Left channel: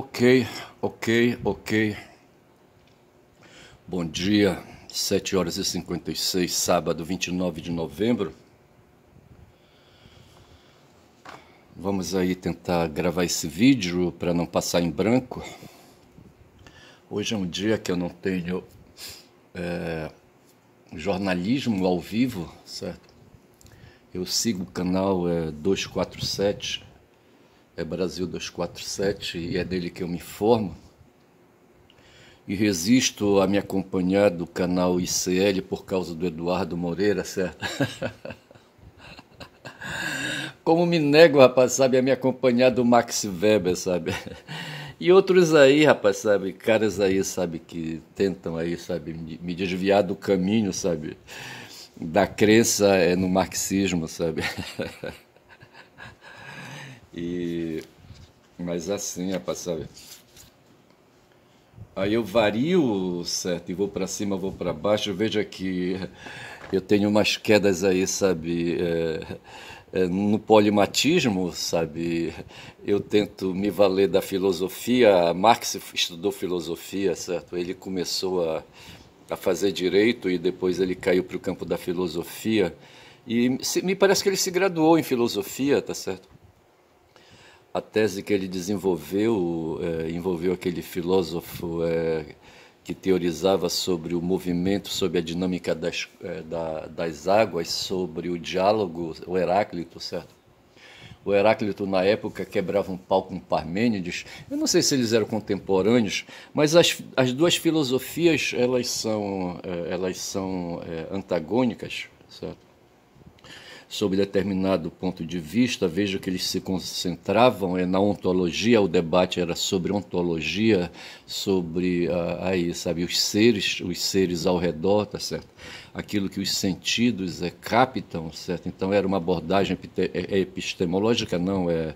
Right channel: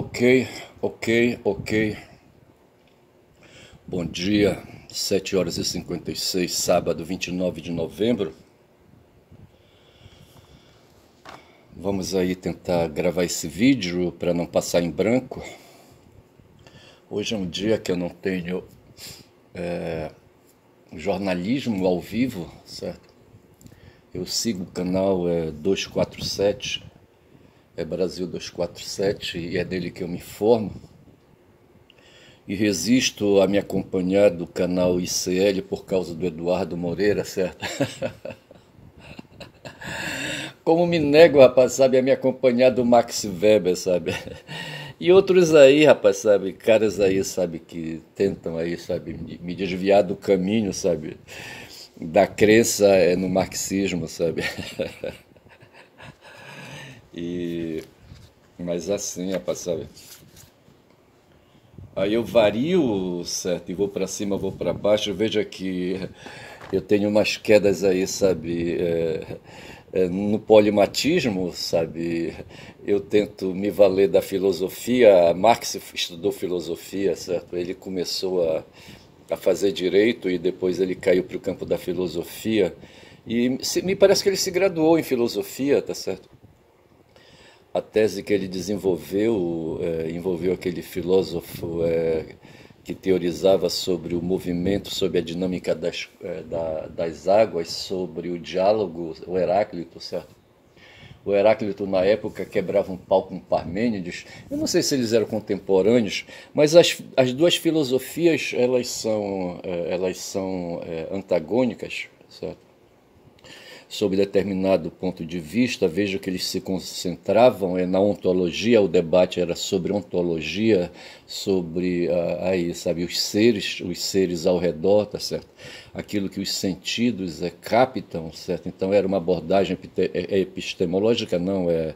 Ok, ok. Bom dia, 7h56, sábado 29 de novembro. Vamos aí tentar gravar esse vídeo para não passar em branco. Hoje é um dia que eu não tenho jornalismo ao vivo, certo? Eu sigo o canal 247, Brasil 247, e é dele que eu me informo. E resisto a me acompanhar do canal ICL por causa do Eduardo Moreira, certo? Como me nego, rapaz, sabe, a me acompanhar do Max Weber, sabe? E outros aí, rapaz, sabe, caras aí, sabe, que tentam aí, sabe, me desviar do caminho, sabe, da crença no marxismo, sabe? Mas assim, rapaz, sabe? Aí eu vario, certo, e vou para cima, vou para baixo, veja que eu tenho umas quedas aí, sabe, no polimatismo, sabe, eu tento me valer da filosofia. Marx estudou filosofia, certo, ele começou a fazer direito e depois ele caiu para o campo da filosofia, e me parece que ele se graduou em filosofia, tá certo? A tese que ele desenvolveu envolveu aquele filósofo que teorizava sobre o movimento, sobre a dinâmica das águas, sobre o diálogo, o Heráclito, certo? O Heráclito, na época, quebrava um pau com Parmênides. Eu não sei se eles eram contemporâneos, mas as duas filosofias elas são antagônicas, certo? Sob determinado ponto de vista, veja que eles se concentravam na ontologia. O debate era sobre ontologia, sobre aí, sabe, os seres ao redor, tá certo? Aquilo que os sentidos captam, certo? Então era uma abordagem epistemológica, não, é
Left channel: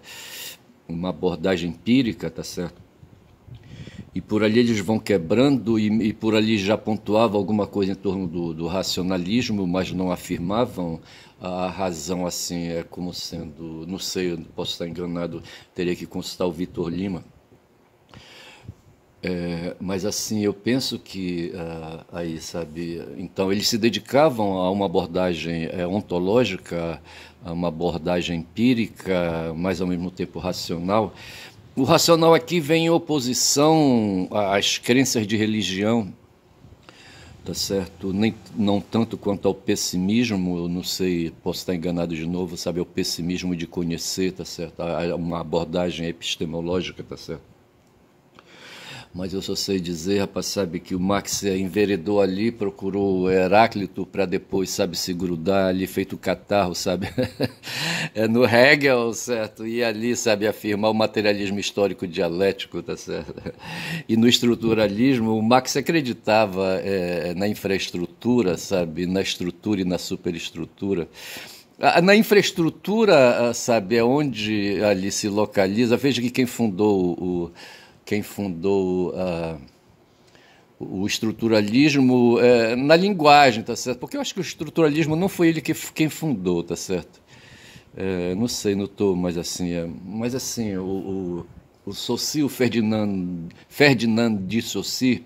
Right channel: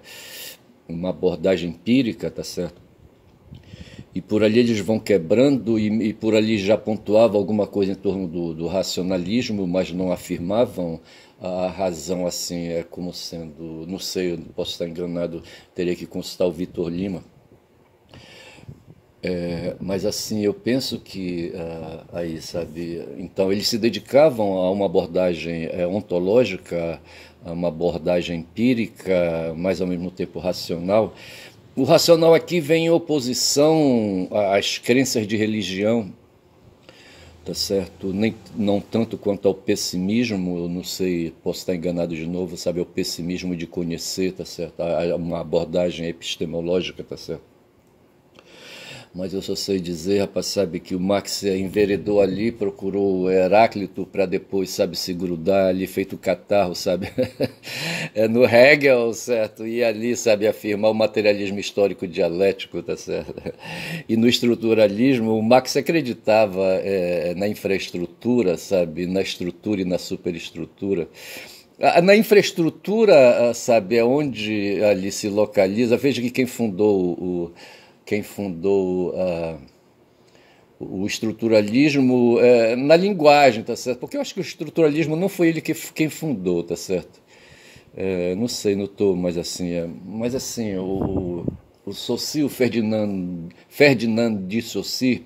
uma abordagem empírica, tá certo? E por ali eles vão quebrando, e por ali já pontuava alguma coisa em torno do racionalismo, mas não afirmavam a razão assim, como sendo, não sei, eu posso estar enganado, teria que consultar o Vitor Lima. Mas assim, eu penso que aí, sabe, então eles se dedicavam a uma abordagem ontológica, a uma abordagem empírica, mas ao mesmo tempo racional. O racional aqui vem em oposição às crenças de religião, tá certo? Não tanto quanto ao pessimismo, eu não sei, posso estar enganado de novo, sabe, o pessimismo de conhecer, tá certo? Uma abordagem epistemológica, tá certo? Mas eu só sei dizer, rapaz, sabe, que o Marx enveredou ali, procurou o Heráclito para depois, sabe, se grudar ali, feito catarro, sabe, no Hegel, certo, e ali, sabe, afirmar o materialismo histórico dialético, tá certo, e no estruturalismo, o Marx acreditava na infraestrutura, sabe, na estrutura e na superestrutura. Na infraestrutura, sabe, é onde ali se localiza. Veja que quem fundou o estruturalismo na linguagem, tá certo? Porque eu acho que o estruturalismo não foi ele quem fundou, tá certo? Não sei, não estou, mas assim, o Saussure, o Ferdinand de Saussure,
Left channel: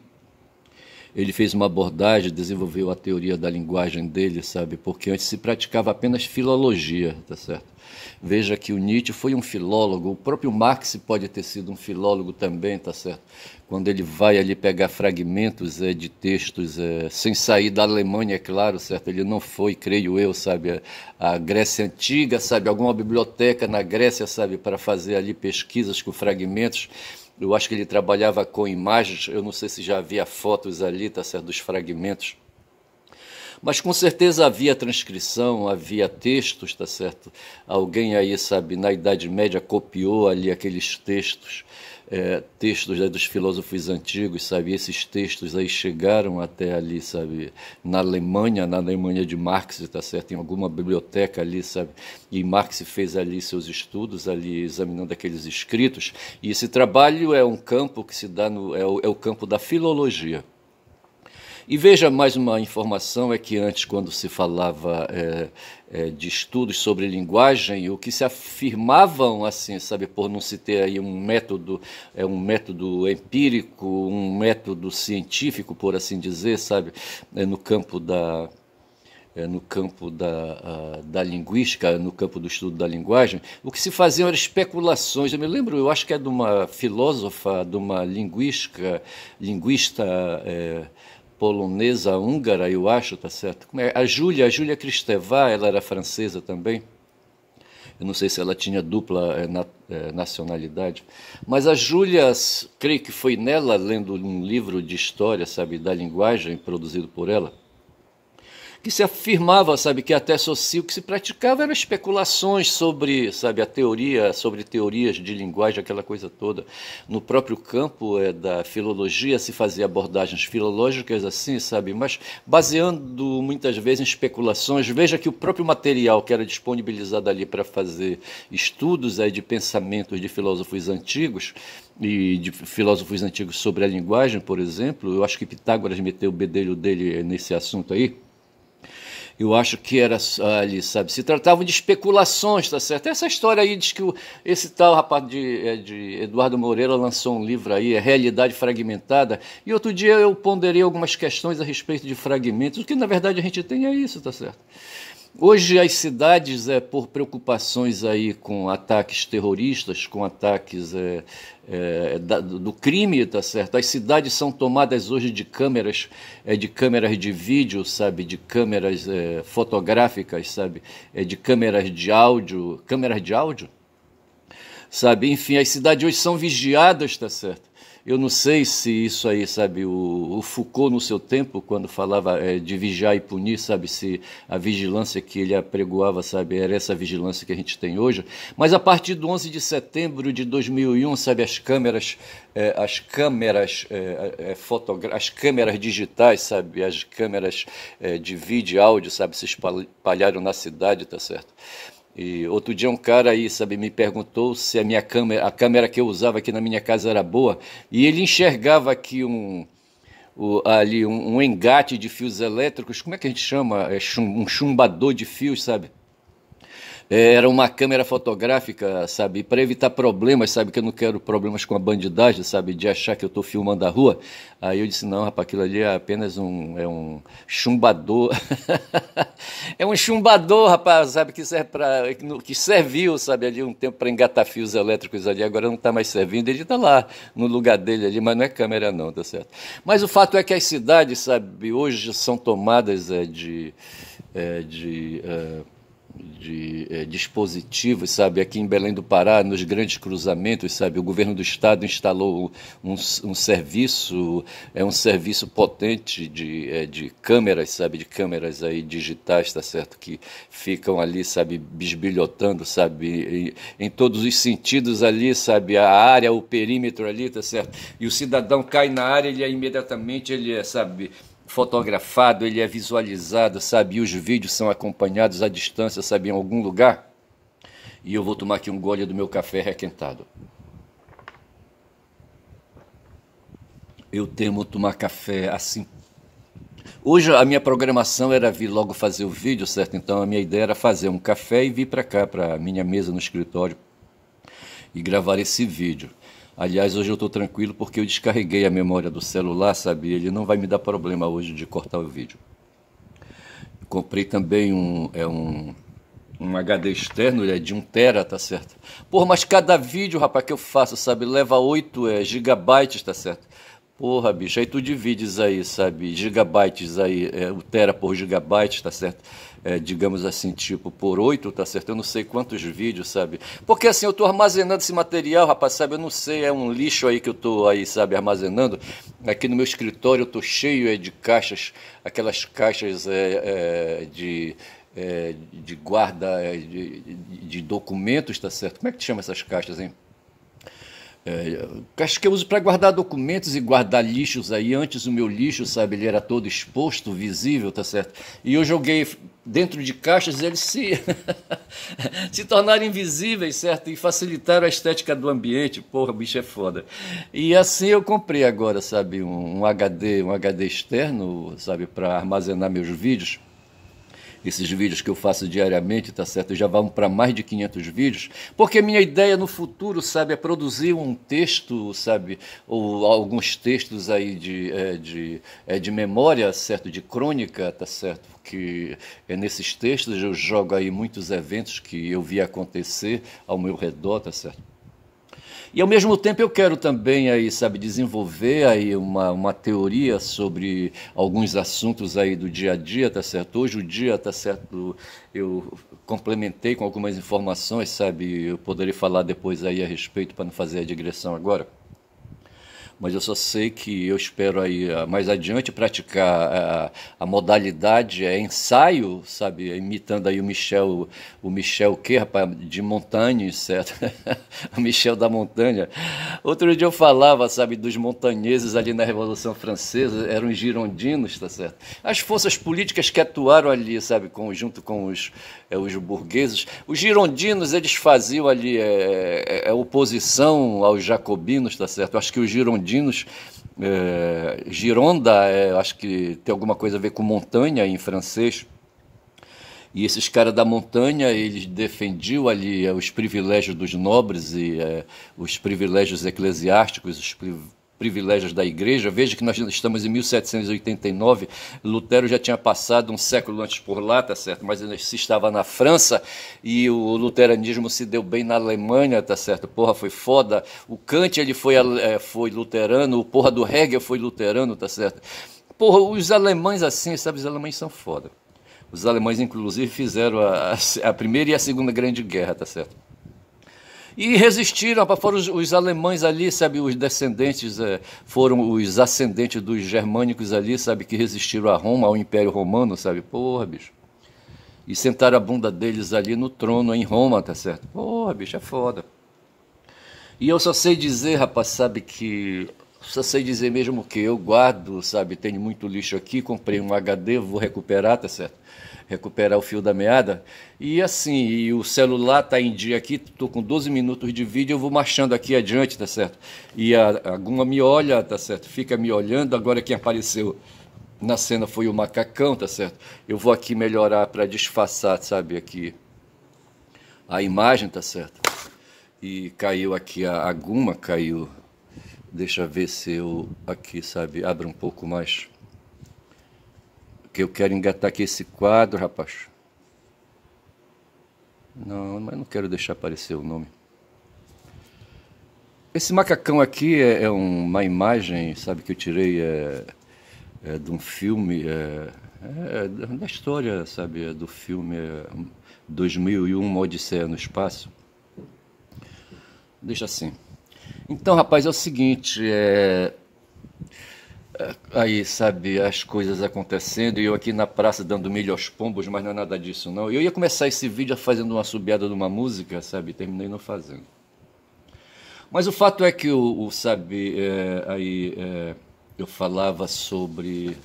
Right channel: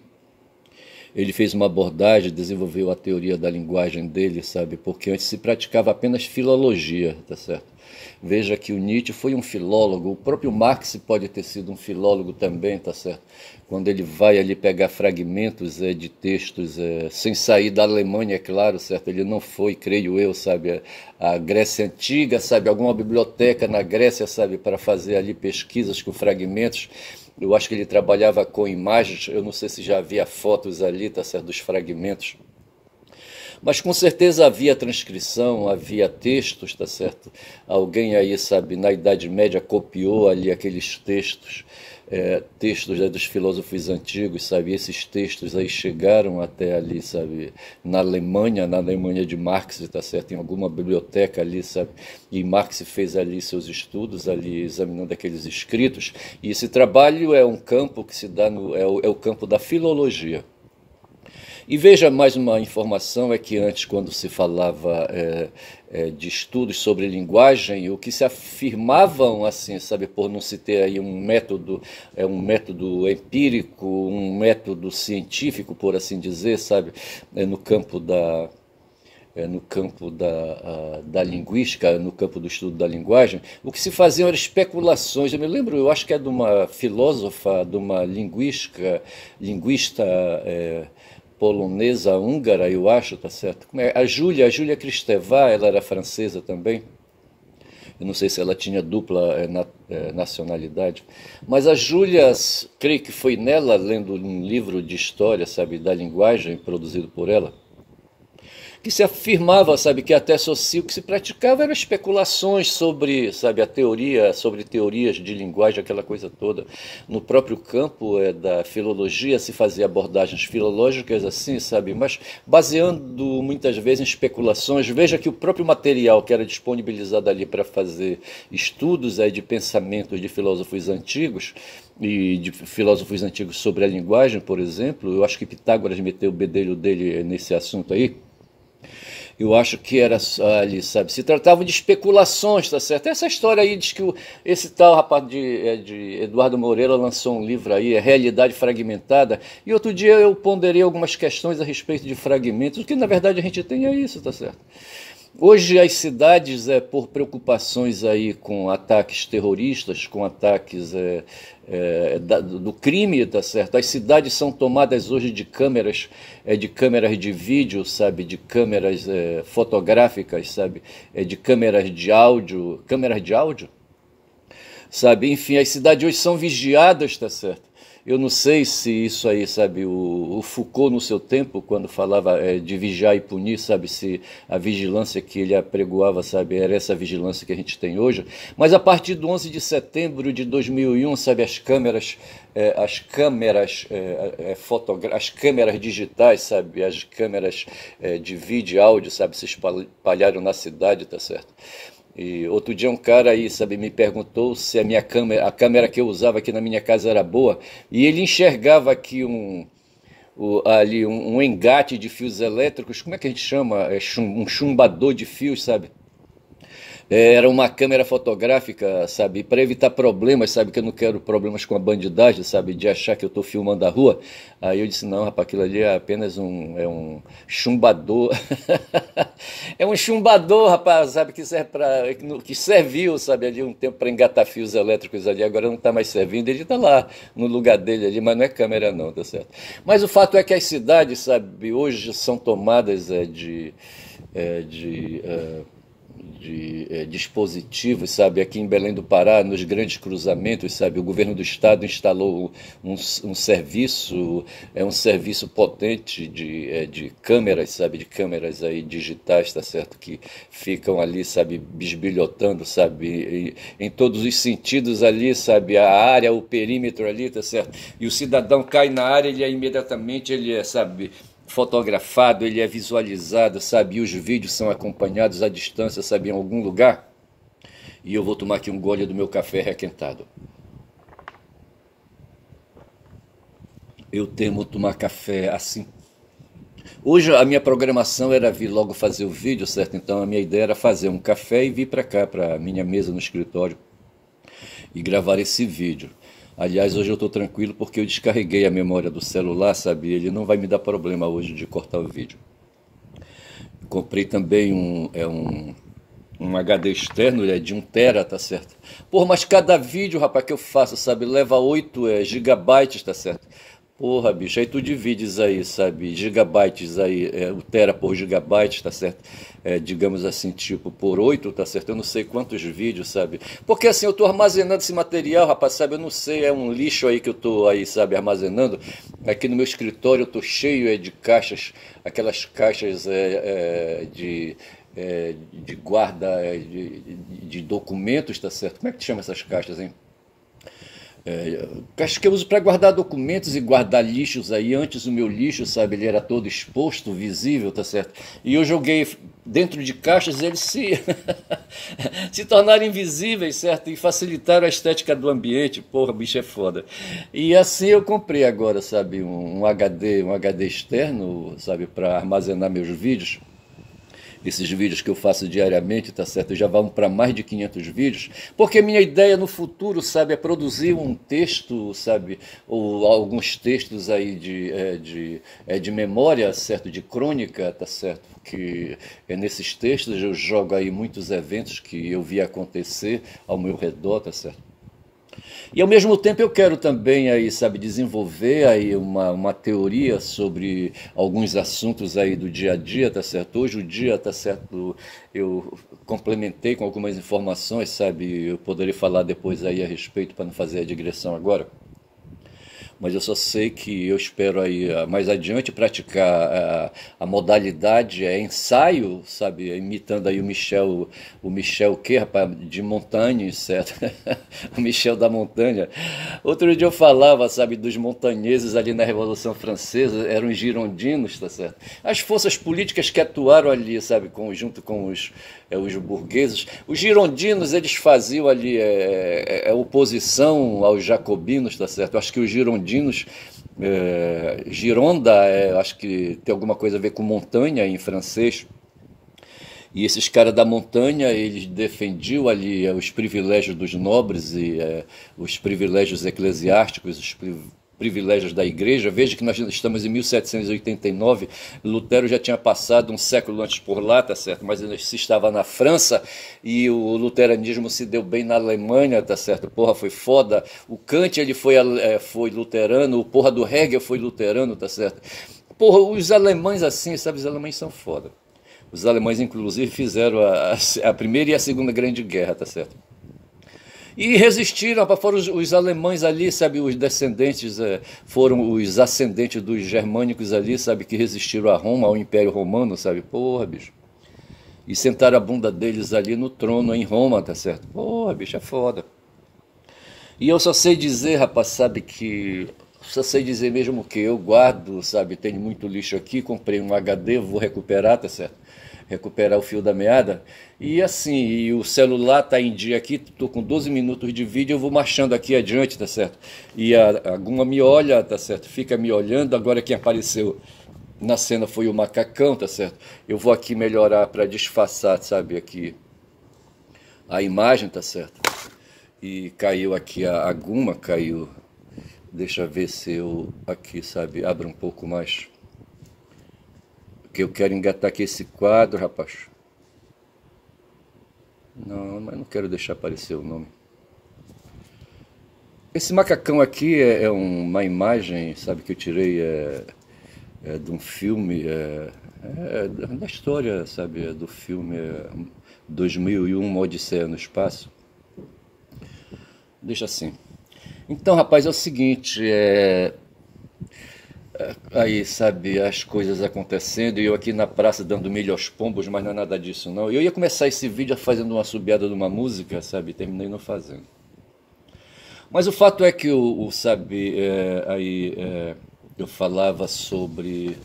ele fez uma abordagem, desenvolveu a teoria da linguagem dele, sabe? Porque antes se praticava apenas filologia, tá certo? Veja que o Nietzsche foi um filólogo, o próprio Marx pode ter sido um filólogo também, tá certo? Quando ele vai ali pegar fragmentos de textos, sem sair da Alemanha, é claro, certo? Ele não foi, creio eu, sabe, a Grécia Antiga, sabe, alguma biblioteca na Grécia, sabe, para fazer ali pesquisas com fragmentos. Eu acho que ele trabalhava com imagens, eu não sei se já havia fotos ali, tá certo, dos fragmentos. Mas com certeza havia transcrição, havia textos, tá certo? Alguém aí, sabe, na Idade Média copiou ali aqueles textos, dos filósofos antigos, sabe? Esses textos aí chegaram até ali, sabe, na Alemanha de Marx, tá certo? Em alguma biblioteca ali, sabe? E Marx fez ali seus estudos, ali examinando aqueles escritos. E esse trabalho é um campo que se dá é o campo da filologia. E veja mais uma informação, é que antes, quando se falava de estudos sobre linguagem, o que se afirmavam, assim, sabe, por não se ter aí um método empírico, um método científico, por assim dizer, sabe, no campo da linguística, no campo do estudo da linguagem, o que se faziam eram especulações. Eu me lembro, eu acho que é de uma filósofa, de uma linguista polonesa, húngara, eu acho, tá certo? A Júlia Kristeva, ela era francesa também. Eu não sei se ela tinha dupla nacionalidade, mas a Júlia, creio que foi nela, lendo um livro de história, sabe, da linguagem, produzido por ela, que se afirmava, sabe, que até o que se praticava eram especulações sobre, sabe, a teoria, sobre teorias de linguagem, aquela coisa toda. No próprio campo da filologia se fazia abordagens filológicas assim, sabe, mas baseando muitas vezes em especulações. Veja que o próprio material que era disponibilizado ali para fazer estudos de pensamentos de filósofos antigos, e de filósofos antigos sobre a linguagem, por exemplo, eu acho que Pitágoras meteu o bedelho dele nesse assunto aí. Eu acho que era ali, sabe, se tratava de especulações, tá certo? Essa história aí diz que esse tal rapaz de Eduardo Moreira lançou um livro aí, Realidade Fragmentada, e outro dia eu ponderei algumas questões a respeito de fragmentos, o que na verdade a gente tem é isso, tá certo? Hoje as cidades, por preocupações aí com ataques terroristas, com ataques do crime, tá certo? As cidades são tomadas hoje de câmeras de vídeo, sabe? De câmeras fotográficas, sabe? De câmeras de áudio, sabe? Enfim, as cidades hoje são vigiadas, tá certo? Eu não sei se isso aí, sabe, o Foucault no seu tempo, quando falava de vigiar e punir, sabe, se a vigilância que ele apregoava, sabe, era essa vigilância que a gente tem hoje. Mas a partir do 11 de setembro de 2001, sabe, as câmeras digitais, sabe, as câmeras de vídeo e áudio, sabe, se espalharam na cidade, tá certo? E outro dia um cara aí, sabe, me perguntou se a câmera que eu usava aqui na minha casa era boa, e ele enxergava aqui ali um engate de fios elétricos, como é que a gente chama? Um chumbador de fios, sabe? Era uma câmera fotográfica, sabe, para evitar problemas, sabe, que eu não quero problemas com a bandidagem, sabe, de achar que eu estou filmando a rua. Aí eu disse, não, rapaz, aquilo ali é apenas um chumbador. É um chumbador, rapaz, sabe, que serviu, sabe, ali um tempo para engatar fios elétricos ali, agora não está mais servindo, ele está lá no lugar dele ali, mas não é câmera não, tá certo? Mas o fato é que as cidades, sabe, hoje são tomadas de dispositivos, sabe, aqui em Belém do Pará, nos grandes cruzamentos, sabe, o governo do estado instalou um serviço potente de câmeras, sabe, de câmeras aí digitais, tá certo, que ficam ali, sabe, bisbilhotando, sabe, em todos os sentidos ali, sabe, a área, o perímetro ali, tá certo, e o cidadão cai na área, ele é, sabe, fotografado, ele é visualizado, sabe? E os vídeos são acompanhados à distância, sabe? Em algum lugar. E eu vou tomar aqui um gole do meu café requentado. Eu temo tomar café assim. Hoje a minha programação era vir logo fazer o vídeo, certo? Então a minha ideia era fazer um café e vir para cá, para minha mesa no escritório e gravar esse vídeo. Aliás, hoje eu estou tranquilo porque eu descarreguei a memória do celular, sabe? Ele não vai me dar problema hoje de cortar o vídeo. Comprei também um HD externo, de 1 tera, tá certo? Porra, mas cada vídeo, rapaz, que eu faço, sabe? Leva 8 gigabytes, tá certo? Porra, bicho, aí tu divides aí, sabe? Gigabytes aí, o tera por gigabyte, tá certo? Digamos assim, tipo, por 8, tá certo? Eu não sei quantos vídeos, sabe? Porque assim, eu tô armazenando esse material, rapaz, sabe? Eu não sei, é um lixo aí que eu tô aí, sabe, armazenando. Aqui no meu escritório eu tô cheio de caixas, aquelas caixas de guarda de documentos, tá certo? Como é que chama essas caixas, hein? Acho que eu uso para guardar documentos e guardar lixos aí. Antes o meu lixo, sabe, ele era todo exposto, visível, tá certo? E eu joguei dentro de caixas, eles se tornaram invisíveis, certo? E facilitaram a estética do ambiente. Porra, bicho é foda. E assim eu comprei agora, sabe, um HD externo, sabe, para armazenar meus vídeos. Esses vídeos que eu faço diariamente, tá certo? Já vão para mais de 500 vídeos, porque minha ideia no futuro, sabe, é produzir um texto, sabe, ou alguns textos aí de memória, certo, de crônica, tá certo? Que nesses textos eu jogo aí muitos eventos que eu vi acontecer ao meu redor, tá certo? E ao mesmo tempo eu quero também aí, sabe, desenvolver aí uma teoria sobre alguns assuntos aí do dia a dia, tá certo? Hoje o dia, tá certo, eu complementei com algumas informações, sabe? Eu poderia falar depois aí a respeito para não fazer a digressão agora. Mas eu só sei que eu espero aí mais adiante praticar a modalidade ensaio, sabe, imitando aí o Michel o quê, rapaz, de Montagne, certo? O Michel da Montanha. Outro dia eu falava, sabe, dos montanheses ali na Revolução Francesa, eram os girondinos, tá certo? As forças políticas que atuaram ali, sabe, junto com os burgueses. Os girondinos, eles faziam ali oposição aos jacobinos, tá certo? Eu acho que os girondinos, Gironda, acho que tem alguma coisa a ver com montanha em francês. E esses caras da montanha, eles defendiam ali os privilégios dos nobres e os privilégios eclesiásticos, os privilégios da igreja. Veja que nós estamos em 1789, Lutero já tinha passado um século antes por lá, tá certo? Mas ele se estava na França e o luteranismo se deu bem na Alemanha, tá certo? Porra, foi foda. O Kant, ele foi luterano, o porra do Hegel foi luterano, tá certo? Porra, os alemães assim, sabe? Os alemães são foda. Os alemães, inclusive, fizeram a Primeira e a Segunda Grande Guerra, tá certo? E resistiram, foram os alemães ali, sabe, os descendentes, foram os ascendentes dos germânicos ali, sabe, que resistiram a Roma, ao Império Romano, sabe, porra, bicho. E sentaram a bunda deles ali no trono em Roma, tá certo? Porra, bicho, é foda. E eu só sei dizer, rapaz, sabe, só sei dizer mesmo que eu guardo, sabe, tenho muito lixo aqui, comprei um HD, vou recuperar, tá certo? Recuperar o fio da meada, e assim, e o celular tá em dia aqui, tô com 12 minutos de vídeo, eu vou marchando aqui adiante, tá certo? E a Guma me olha, tá certo? Fica me olhando, agora quem apareceu na cena foi o macacão, tá certo? Eu vou aqui melhorar para disfarçar, sabe, aqui a imagem, tá certo? E caiu aqui a Guma, caiu, deixa eu ver se eu aqui, sabe, abro um pouco mais. Que eu quero engatar aqui esse quadro, rapaz. Não, mas não quero deixar aparecer o nome. Esse macacão aqui é uma imagem, sabe, que eu tirei de um filme, da história, sabe, do filme 2001, Uma Odisseia no Espaço. Deixa assim. Então, rapaz, é o seguinte, aí, sabe, as coisas acontecendo, e eu aqui na praça dando milho aos pombos, mas não é nada disso, não. Eu ia começar esse vídeo fazendo uma assobiada de uma música, sabe, terminei não fazendo. Mas o fato é que, eu falava sobre...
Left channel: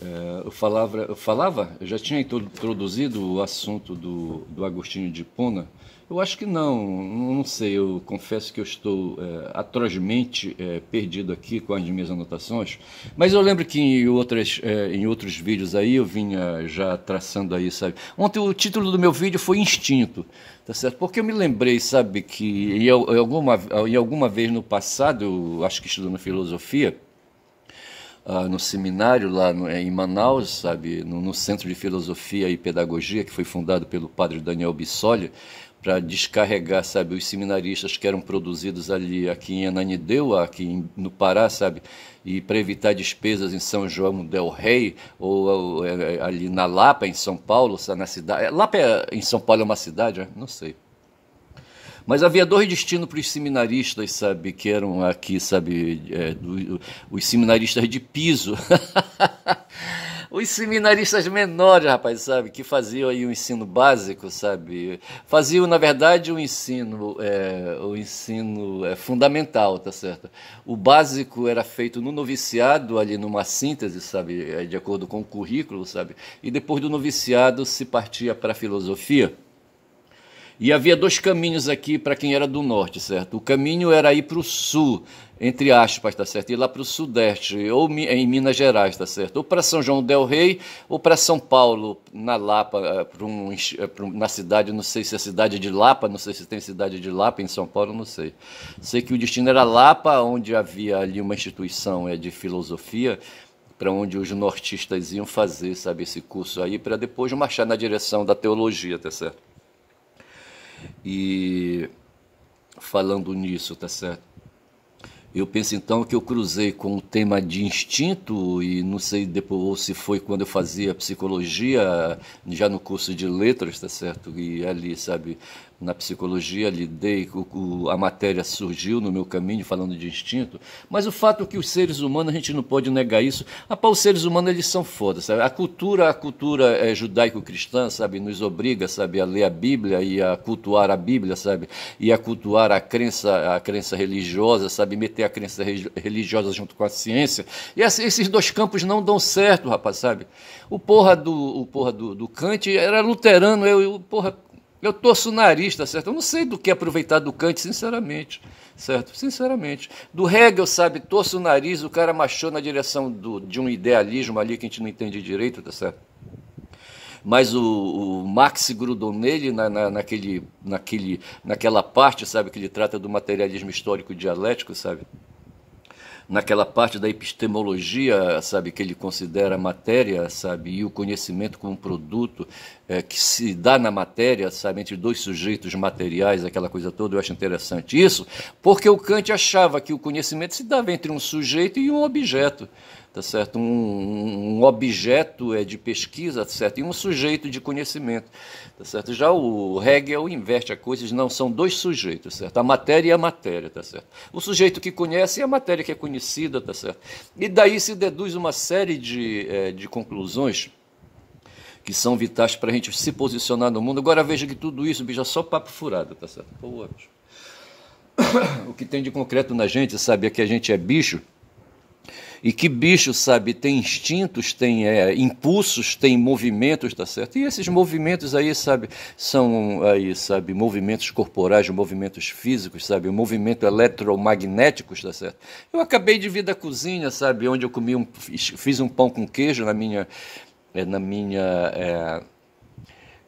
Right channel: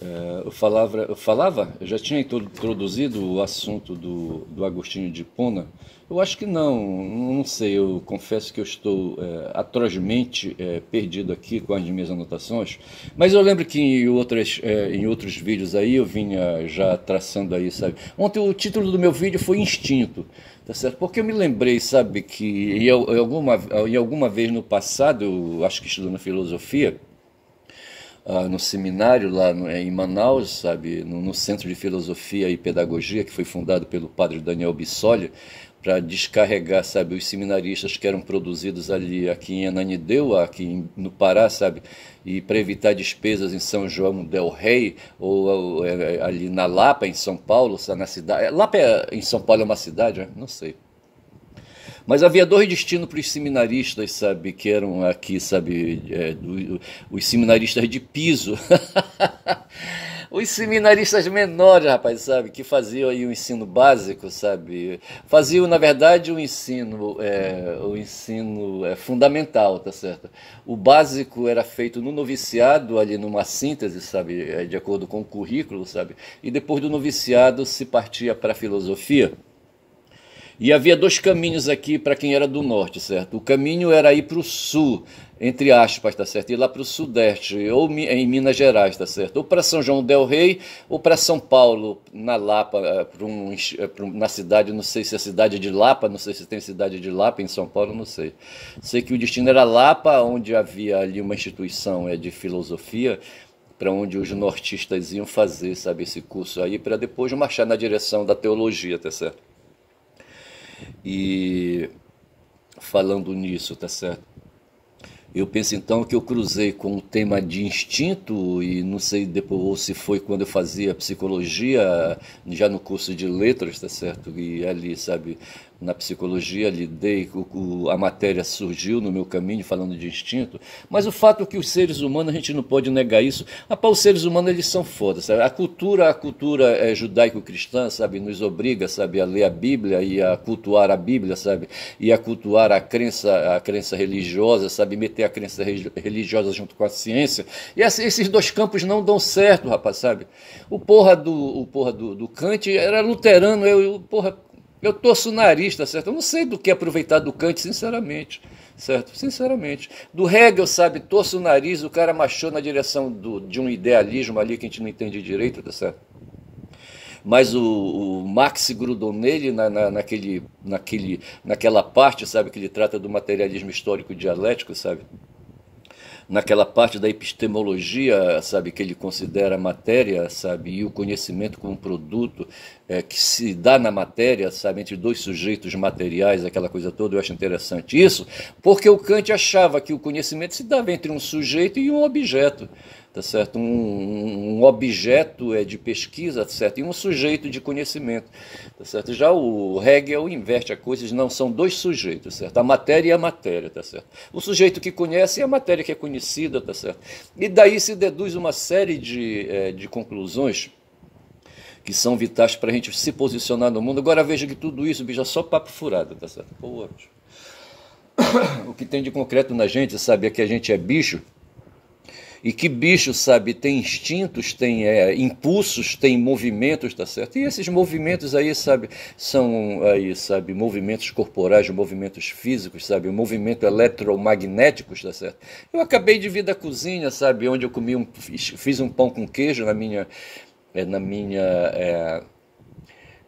eu já tinha introduzido o assunto do Agostinho de Hipona. Eu acho que não sei, eu confesso que eu estou atrozmente perdido aqui com as minhas anotações, mas eu lembro que em outros vídeos aí eu vinha já traçando aí, sabe. Ontem o título do meu vídeo foi Instinto, tá certo? Porque eu me lembrei, sabe, que em alguma vez no passado, eu acho que estudando filosofia, no seminário lá em Manaus, sabe, no Centro de Filosofia e Pedagogia, que foi fundado pelo padre Daniel Bissoli, para descarregar, sabe, os seminaristas que eram produzidos ali aqui em Ananindeua, aqui no Pará, sabe, e para evitar despesas em São João del Rei, ou ali na Lapa, em São Paulo, na cidade. Lapa em São Paulo é uma cidade, né? Não sei. Mas havia dois destinos para os seminaristas, sabe, que eram aqui, sabe, os seminaristas de piso. Os seminaristas menores, rapaz, sabe, que faziam aí o ensino básico, sabe, faziam, na verdade, o ensino fundamental, tá certo? O básico era feito no noviciado, ali numa síntese, sabe, de acordo com o currículo, sabe, e depois do noviciado se partia para a filosofia. E havia dois caminhos aqui para quem era do norte, certo? O caminho era ir para o sul, entre aspas, tá certo? Ir lá para o sudeste, ou em Minas Gerais, tá certo? Ou para São João del Rei, ou para São Paulo, na Lapa, na cidade, não sei se é a cidade de Lapa, não sei se tem cidade de Lapa em São Paulo, não sei. Sei que o destino era Lapa, onde havia ali uma instituição de filosofia, para onde os nortistas iam fazer, sabe, esse curso aí, para depois marchar na direção da teologia, tá certo? E falando nisso, tá certo? Eu penso então que eu cruzei com o tema de instinto e não sei depois ou se foi quando eu fazia psicologia, já no curso de letras, tá certo? E ali, sabe, na psicologia lidei, a matéria surgiu no meu caminho falando de instinto, mas o fato é que os seres humanos, a gente não pode negar isso. Rapaz, os seres humanos, eles são foda, sabe? A cultura judaico-cristã, sabe, nos obriga, sabe, a ler a Bíblia e a cultuar a Bíblia, sabe, e a cultuar a crença religiosa, sabe, meter a crença religiosa junto com a ciência. E esses dois campos não dão certo, rapaz, sabe? O porra do Kant era luterano, eu torço o nariz, tá certo? Eu não sei do que aproveitar do Kant, sinceramente, certo? Sinceramente. Do Hegel, sabe, torço o nariz, o cara marchou na direção de um idealismo ali que a gente não entende direito, tá certo? Mas o Marx grudou nele naquela parte, sabe, que ele trata do materialismo histórico dialético, sabe? Naquela parte da epistemologia, sabe, que ele considera a matéria, sabe, e o conhecimento como um produto que se dá na matéria, sabe, entre dois sujeitos materiais, aquela coisa toda, eu acho interessante isso, porque o Kant achava que o conhecimento se dava entre um sujeito e um objeto, tá certo? Um objeto de pesquisa, tá certo? E um sujeito de conhecimento, tá certo? Já o Hegel inverte a coisa, não, são dois sujeitos, certo? A matéria e a matéria, tá certo? O sujeito que conhece e a matéria que é conhecida, tá certo? E daí se deduz uma série de conclusões que são vitais para a gente se posicionar no mundo. Agora veja que tudo isso, bicho, é só papo furado, tá certo? Pô, bicho. O que tem de concreto na gente, sabe, é que a gente é bicho. E que bicho, sabe, tem instintos, tem impulsos, tem movimentos, tá certo? E esses movimentos aí, sabe, são aí, sabe, movimentos corporais, movimentos físicos, sabe, movimento eletromagnéticos, tá certo? Eu acabei de vir da cozinha, sabe, onde eu fiz um pão com queijo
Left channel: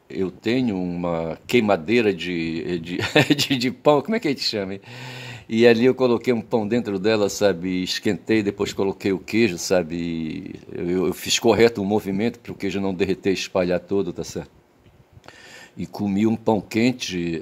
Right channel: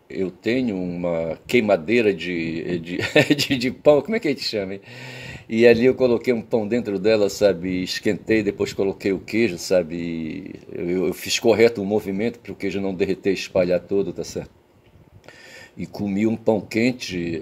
eu tenho uma queimadeira de pão, como é que a gente chama, hein? E ali eu coloquei um pão dentro dela, sabe, esquentei, depois coloquei o queijo, sabe, eu fiz correto o movimento para o queijo não derreter e espalhar todo, tá certo? E comi um pão quente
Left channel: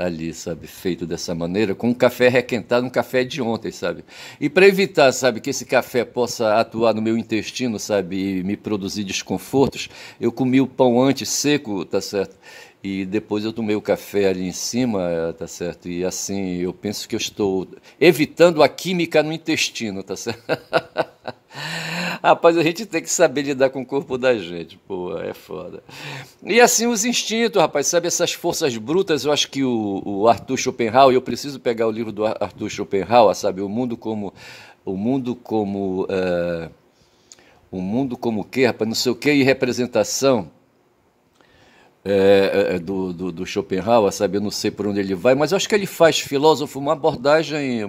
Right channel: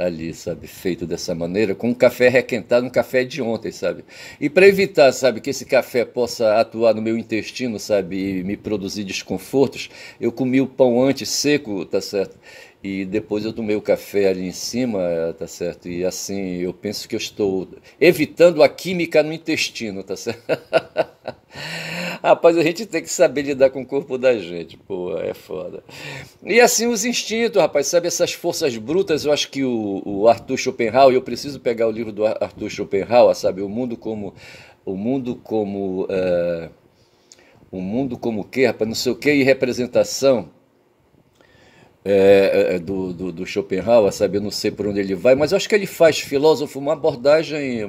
ali, sabe, feito dessa maneira, com um café requentado, um café de ontem, sabe? E para evitar, sabe, que esse café possa atuar no meu intestino, sabe, e me produzir desconfortos, eu comi o pão antes seco, tá certo? E depois eu tomei o café ali em cima, tá certo? E assim, eu penso que eu estou evitando a química no intestino, tá certo? Rapaz, a gente tem que saber lidar com o corpo da gente, pô, é foda. E assim, os instintos, rapaz, sabe, essas forças brutas, eu acho que o Arthur Schopenhauer, eu preciso pegar o livro do Arthur Schopenhauer, sabe, o mundo como o quê, rapaz, não sei o quê, e representação, do Schopenhauer, sabe? Eu não sei por onde ele vai, mas eu acho que ele faz, filósofo, uma abordagem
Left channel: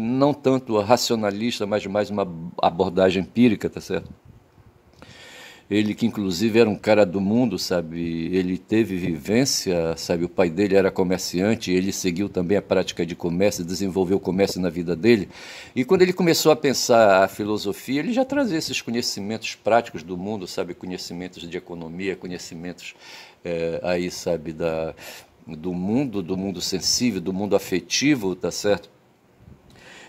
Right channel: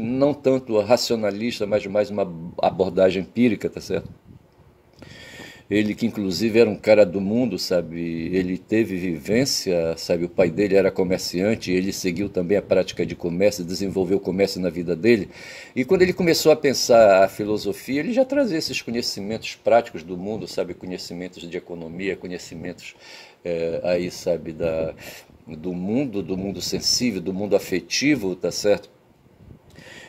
não tanto racionalista, mas mais uma abordagem empírica, tá certo? Ele que inclusive era um cara do mundo, sabe? Ele teve vivência, sabe? O pai dele era comerciante, ele seguiu também a prática de comércio, desenvolveu o comércio na vida dele. E quando ele começou a pensar a filosofia, ele já trazia esses conhecimentos práticos do mundo, sabe? Conhecimentos de economia, conhecimentos aí, sabe? Do mundo sensível, do mundo afetivo, tá certo?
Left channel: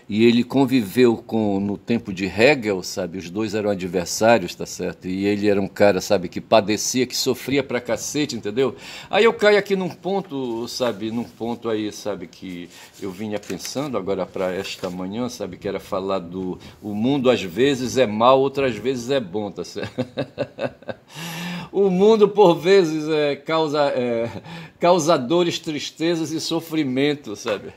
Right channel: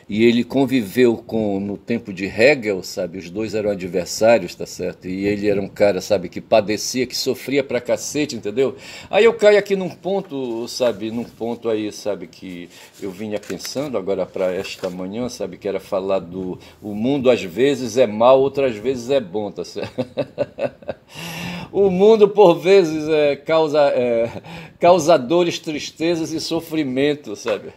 E ele conviveu com, no tempo de Hegel, sabe? Os dois eram adversários, tá certo? E ele era um cara, sabe, que padecia, que sofria pra cacete, entendeu? Aí eu caio aqui num ponto, sabe? Num ponto aí, sabe, que eu vinha pensando agora para esta manhã, sabe? Que era falar do o mundo às vezes é mal, outras vezes é bom, tá certo? O mundo, por vezes, causa dores, tristezas e sofrimento, sabe?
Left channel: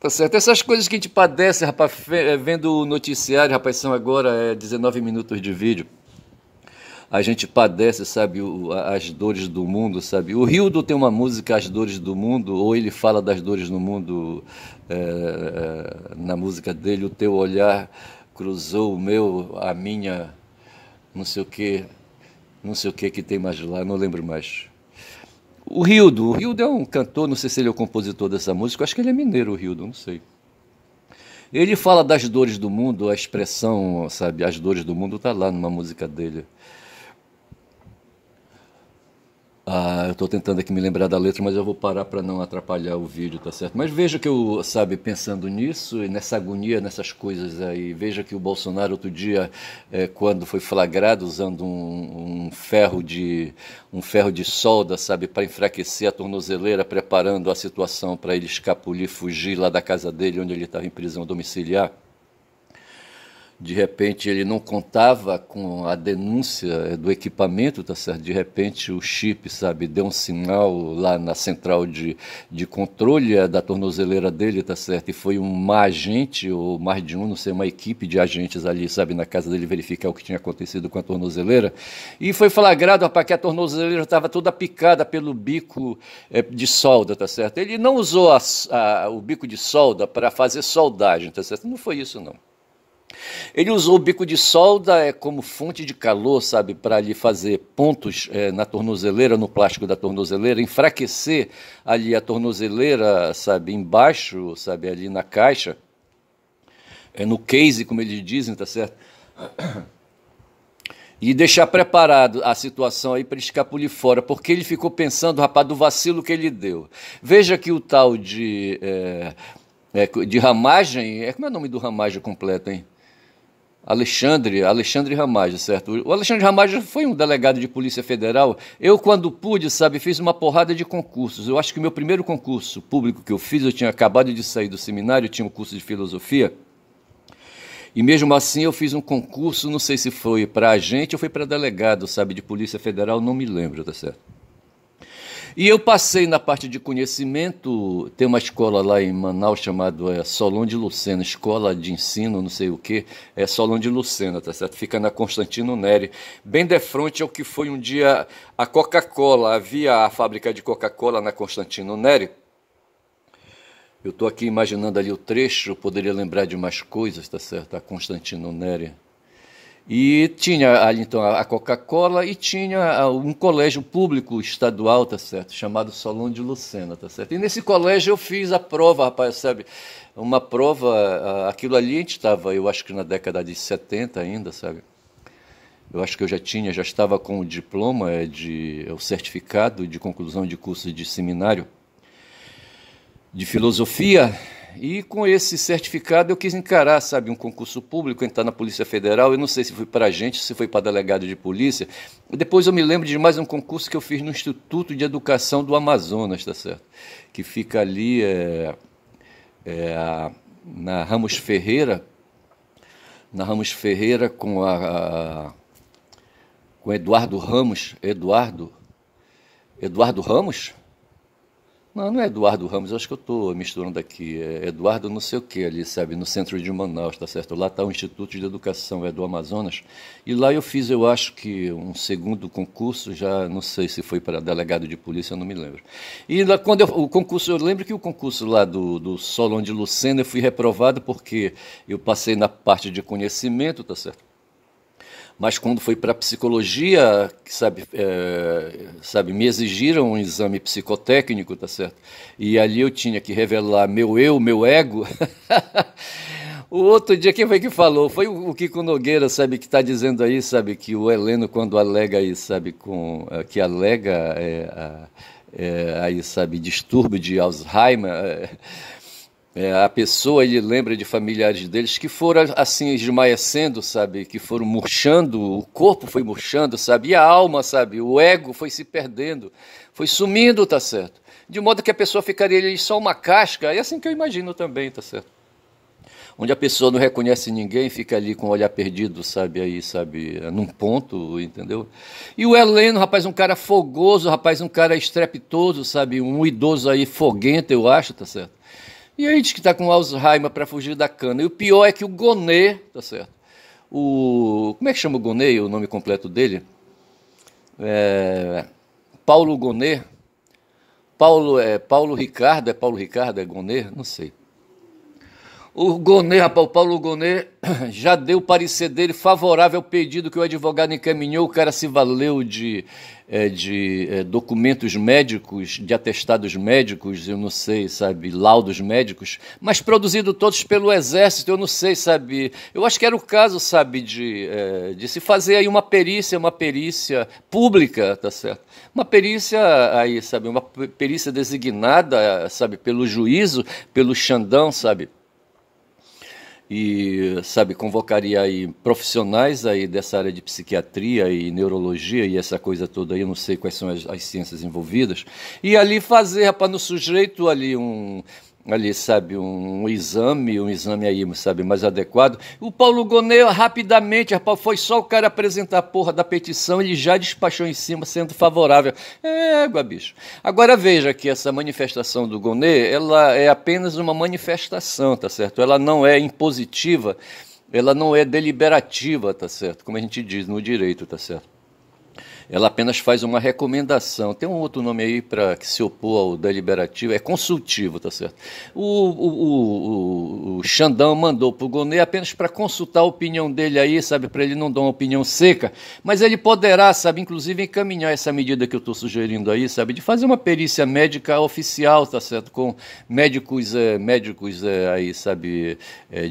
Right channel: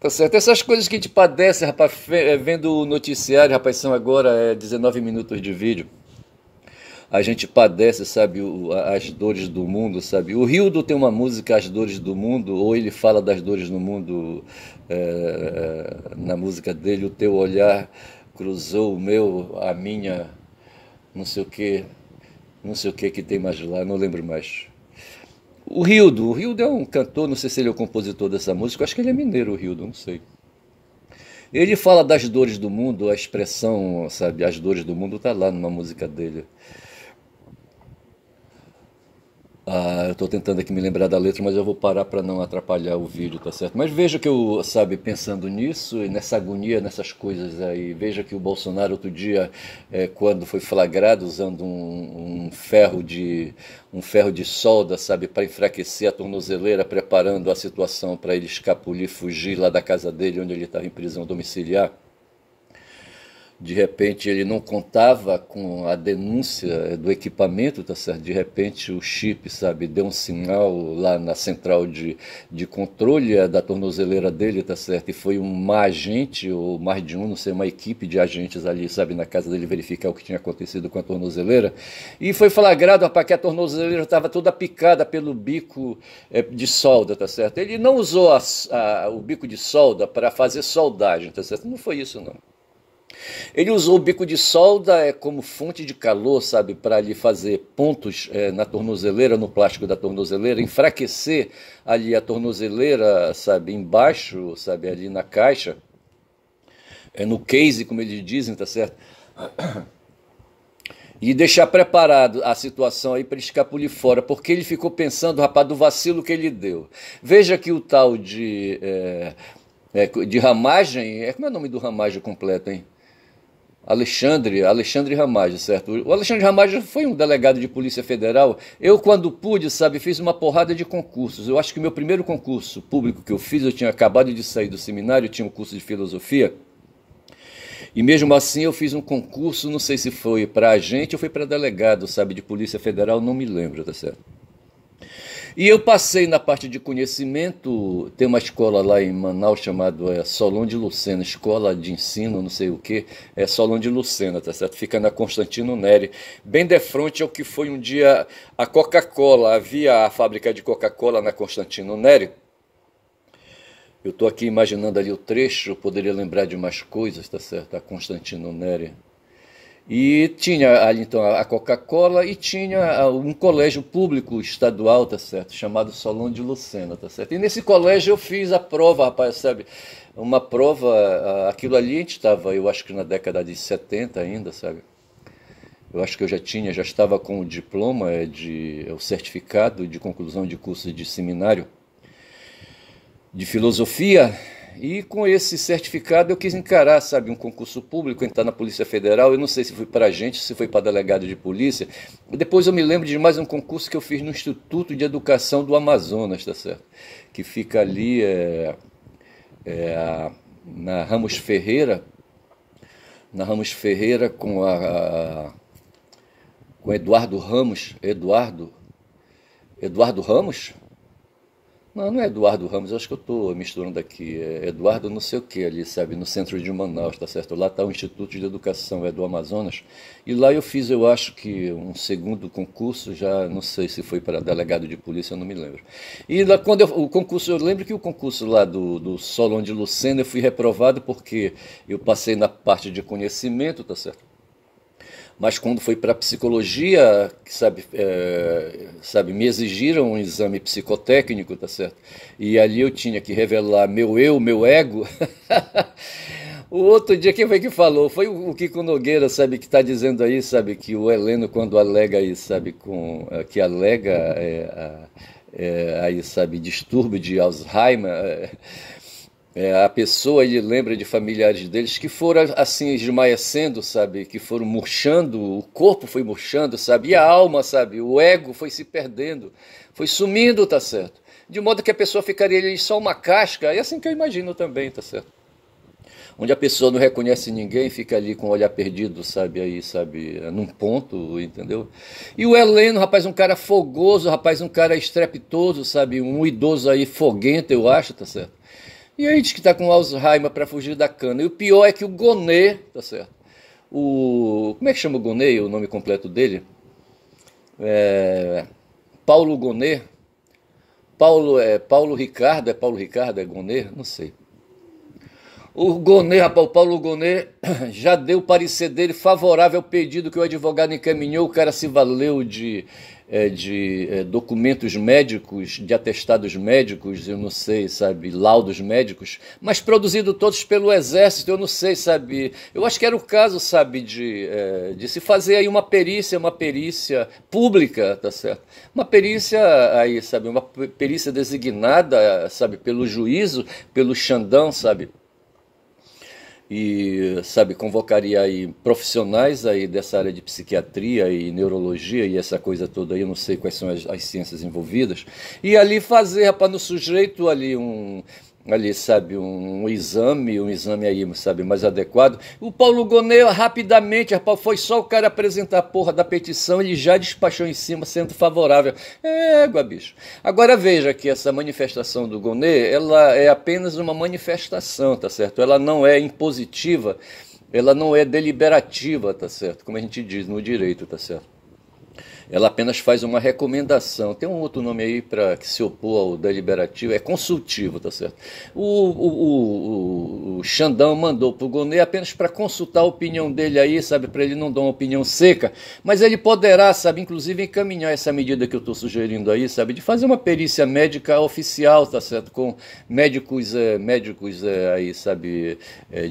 Tá certo? Essas coisas que a gente padece, rapaz, vendo o noticiário, rapaz, são agora 19 minutos de vídeo. A gente padece, sabe, as dores do mundo, sabe? O Rildo tem uma música, As Dores do Mundo, ou ele fala das dores do mundo na música dele, o teu olhar cruzou o meu, a minha, não sei o que tem mais lá, não lembro mais. O Rildo é um cantor, não sei se ele é o compositor dessa música, eu acho que ele é mineiro, o Rildo, não sei. Ele fala das dores do mundo, a expressão, sabe, as dores do mundo tá lá numa música dele. Eu estou tentando aqui me lembrar da letra, mas eu vou parar para não atrapalhar o vídeo, tá certo? Mas veja que eu, sabe, pensando nisso, e nessa agonia, nessas coisas aí, veja que o Bolsonaro outro dia, quando foi flagrado usando um ferro de solda, sabe, para enfraquecer a tornozeleira, preparando a situação para ele escapulir, fugir lá da casa dele, onde ele estava em prisão domiciliar. De repente ele não contava com a denúncia do equipamento, tá certo? De repente o chip, sabe, deu um sinal lá na central de controle da tornozeleira dele, tá certo? E foi uma agente, ou mais de um, não sei, uma equipe de agentes ali, sabe, na casa dele verificar o que tinha acontecido com a tornozeleira. E foi flagrado, rapaz, que a tornozeleira estava toda picada pelo bico de solda, tá certo? Ele não usou o bico de solda para fazer soldagem, tá certo? Não foi isso, não. Ele usou o bico de solda como fonte de calor, sabe, para ali fazer pontos na tornozeleira, no plástico da tornozeleira, enfraquecer ali a tornozeleira, sabe, embaixo, sabe, ali na caixa, no case, como eles dizem, tá certo? E deixar preparado a situação aí para ele escapulir fora, porque ele ficou pensando, rapaz, do vacilo que ele deu. Veja que o tal de Ramagem, como é o nome do Ramagem completo, hein? Alexandre Ramagem, certo? O Alexandre Ramagem foi um delegado de Polícia Federal. Eu, quando pude, sabe, fiz uma porrada de concursos. Eu acho que o meu primeiro concurso público que eu fiz, eu tinha acabado de sair do seminário, tinha um curso de filosofia. E mesmo assim eu fiz um concurso, não sei se foi para agente ou foi para delegado, sabe, de Polícia Federal, não me lembro, tá certo? E eu passei na parte de conhecimento, tem uma escola lá em Manaus chamada Solon de Lucena, escola de ensino, não sei o que, Solon de Lucena, tá certo? Fica na Constantino Neri, bem de frente ao que foi um dia a Coca-Cola, havia a fábrica de Coca-Cola na Constantino Neri. Eu estou aqui imaginando ali o trecho, eu poderia lembrar de mais coisas, tá certo? A Constantino Neri. E tinha ali então a Coca-Cola e tinha um colégio público estadual, tá certo? Chamado Solon de Lucena, tá certo? E nesse colégio eu fiz a prova, rapaz, sabe? Uma prova, aquilo ali a gente estava, eu acho que na década de 70 ainda, sabe? Eu acho que eu já estava com o diploma, o certificado de conclusão de curso de seminário de filosofia. E com esse certificado eu quis encarar, sabe, um concurso público, entrar na Polícia Federal. Eu não sei se foi para agente, se foi para delegado de polícia. E depois eu me lembro de mais um concurso que eu fiz no Instituto de Educação do Amazonas, tá certo? Que fica ali na Ramos Ferreira com Eduardo Ramos. Eduardo Ramos? Não é Eduardo Ramos, eu acho que eu estou misturando aqui. É Eduardo não sei o que ali, sabe, no centro de Manaus, tá certo? Lá está o Instituto de Educação do Amazonas. E lá eu fiz, eu acho que um segundo concurso, já não sei se foi para delegado de polícia, eu não me lembro. E lá quando eu lembro que o concurso lá do Solon de Lucena eu fui reprovado porque eu passei na parte de conhecimento, tá certo? Mas quando foi para psicologia, sabe, me exigiram um exame psicotécnico, tá certo? E ali eu tinha que revelar meu eu, meu ego. O outro dia, quem foi que falou? Foi o Kiko Nogueira, sabe, que está dizendo aí, sabe, que o Heleno, quando alega aí, sabe, que alega aí, sabe, distúrbio de Alzheimer, A pessoa, ele lembra de familiares deles que foram assim esmaecendo, sabe, que foram murchando, o corpo foi murchando, sabe, e a alma, sabe, o ego foi se perdendo, foi sumindo, tá certo? De modo que a pessoa ficaria ali só uma casca, é assim que eu imagino também, tá certo? Onde a pessoa não reconhece ninguém, fica ali com o olhar perdido, sabe, aí, sabe, num ponto, entendeu? E o Heleno, rapaz, um cara fogoso, rapaz, um cara estrepitoso, sabe, um idoso aí foguento, eu acho, tá certo? E aí diz que tá com Alzheimer para fugir da cana. E o pior é que o Gonê, tá certo? Como é que chama o Gonê, o nome completo dele? Paulo Gonê. Paulo Ricardo, é Gonê? Não sei. O Gonê, rapaz, o Paulo Gonê já deu o parecer dele favorável ao pedido que o advogado encaminhou. O cara se valeu de documentos médicos, de atestados médicos, eu não sei, sabe, laudos médicos, mas produzido todos pelo Exército, eu não sei, sabe. Eu acho que era o caso, sabe, de se fazer aí uma perícia pública, tá certo? Uma perícia aí, sabe, uma perícia designada, sabe, pelo juízo, pelo Xandão, sabe. E, sabe, convocaria aí profissionais aí dessa área de psiquiatria e neurologia e essa coisa toda aí, eu não sei quais são as ciências envolvidas, e ali fazer, rapaz, no sujeito ali, sabe, um exame aí, sabe, mais adequado. O Paulo Gonê, rapidamente, rapaz, foi só o cara apresentar a porra da petição, ele já despachou em cima, sendo favorável. Bicho. Agora veja que essa manifestação do Gonê, ela é apenas uma manifestação, tá certo? Ela não é impositiva, ela não é deliberativa, tá certo? Como a gente diz no direito, tá certo? Ela apenas faz uma recomendação. Tem um outro nome aí para que se opor ao deliberativo, é consultivo, tá certo? O Xandão mandou para o Gonê apenas para consultar a opinião dele aí, sabe, para ele não dar uma opinião seca, mas ele poderá, sabe, inclusive encaminhar essa medida que eu estou sugerindo aí, sabe, de fazer uma perícia médica oficial, tá certo? Com médicos aí, sabe,